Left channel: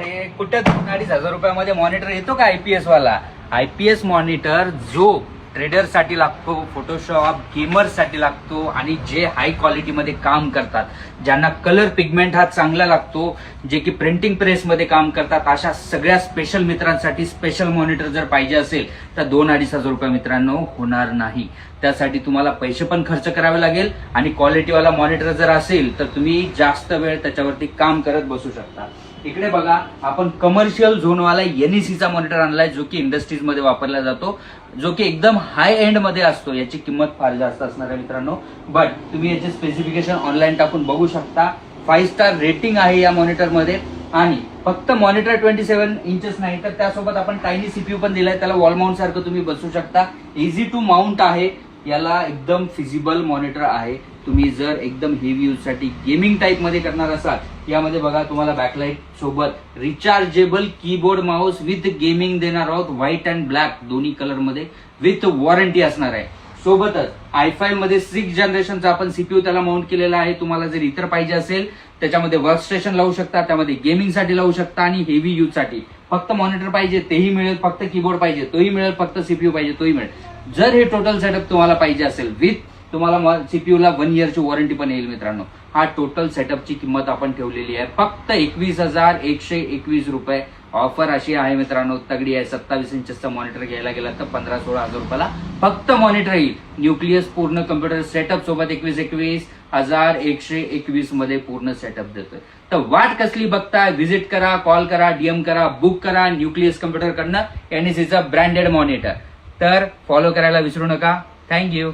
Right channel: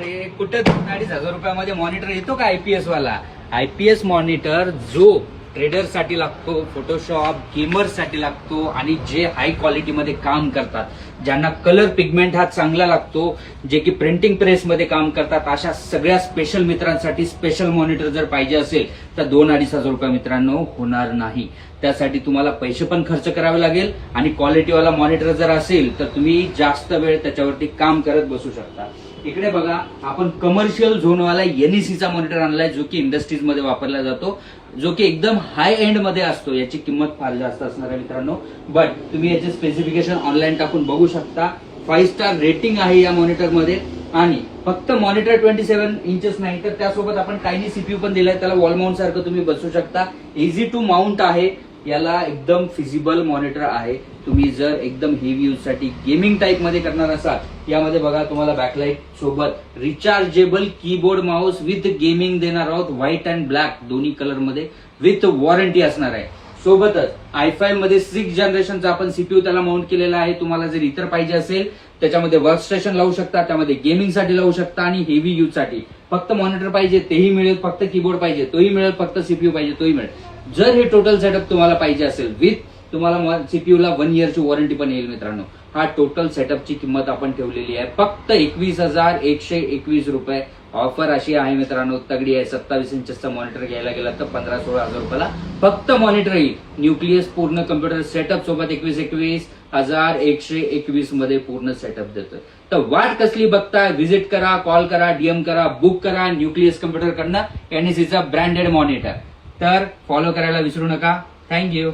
अरे कुठं 2-2.5 रुपयामध्ये मॉनिटर येतो का आयपीएस वाला? आयपीएस मॉनिटर जो ट्रेडर साठी लागतो, फोटोशॉप गेमर्स साठी लागतो आणि जे हाय क्वालिटीमध्ये काम करतात, ज्यांना कलर पिगमेंट हा चांगला लागतो, जे की प्रिंटिंग प्रेस मध्ये काम करतात, अशा सगळ्या स्पेशल मित्रांसाठी स्पेशल मॉनिटर जर पाहिजे असेल तर 2-2.5 रुपये मित्रांनो होणार नाही. त्यासाठी तुम्हाला पैसे पण खर्च करावे लागेल आणि क्वालिटीवाला मॉनिटर जर असेल तर तुम्ही जास्त वेळ त्याच्यावरती काम करत बसू शकता. इकडे बघा, आपण कमर्शियल झोनवाला एनईसीचा मॉनिटर आणलाय, जो की इंडस्ट्रीज मध्ये वापरला जातो, जो की एकदम हाय एंड मध्ये असतो. याची किंमत फार जास्त असणार आहे मित्रांनो, बट तुम्ही याचे स्पेसिफिकेशन ऑनलाईन टाकून बघू शकता. 5 स्टार रेटिंग आहे या मॉनिटरमध्ये आणि फक्त मॉनिटर 27 इंचेस नाही तर त्यासोबत आपण टायनी सीपीयू पण दिलाय. त्याला वॉल माउंट सारखं तुम्ही बसू शकता. इझी टू माउंट आहे. याला एकदम फिजिबल मॉनिटर आहे. तुम्ही जर एकदम हेवी यूज साठी गेमिंग टाईप मध्ये करणार असाल, यामध्ये बघा तुम्हाला बॅकलाइट सोबत rechargeable keyboard Mouse with gaming देणार आहोत. व्हाईट अँड ब्लॅक दोन्ही कलर मध्ये विथ वॉरंटी असणार आहे. सोबतच i5 मध्ये 6 जनरेशनचा आपण सीपीयू त्याला माउंट केलेला आहे. तुम्हाला जर इतर पाहिजे असेल त्याच्यामध्ये वर्कस्टेशन लावू शकता, त्यामध्ये गेमिंग साठी लावू शकता आणि हेवी यूज साठी फक्त मॉनिटर पाहिजे तेही मिळेल, फक्त कीबोर्ड पाहिजे तोही मिळेल, फक्त सीपीयू पाहिजे तोही मिळेल. जर हे टोटल सेटअप तुम्हाला पाहिजे असेल विथ तुम्हाला सीपीयूला 1 इयरची वॉरंटी पण येईल मित्रांनो. हा टोटल सेटअपची किंमत आपण ठेवलेली आहे फक्त 21,121 रुपये. ऑफर अशी आहे मित्रांनो, तगडी आहे. 27 इंचचा मॉनिटर घ्यायला गेला तर 15-16 हजार रुपयाला फक्त मॉनिटर येईल. न्यूक्लियस पूर्ण कम्प्युटर सेटअप सोबत 21,121 मध्ये पूर्ण सेटअप देतोय. तर वाट कसली बघताय? व्हिजिट करा, कॉल करा, डीएम करा, बुक करा. न्यूक्लियस कम्प्युटर कडनं एनईसीचा ब्रँडेड मॉनिटर. तर फॉलो करायला विसरू नका. थँक्यू.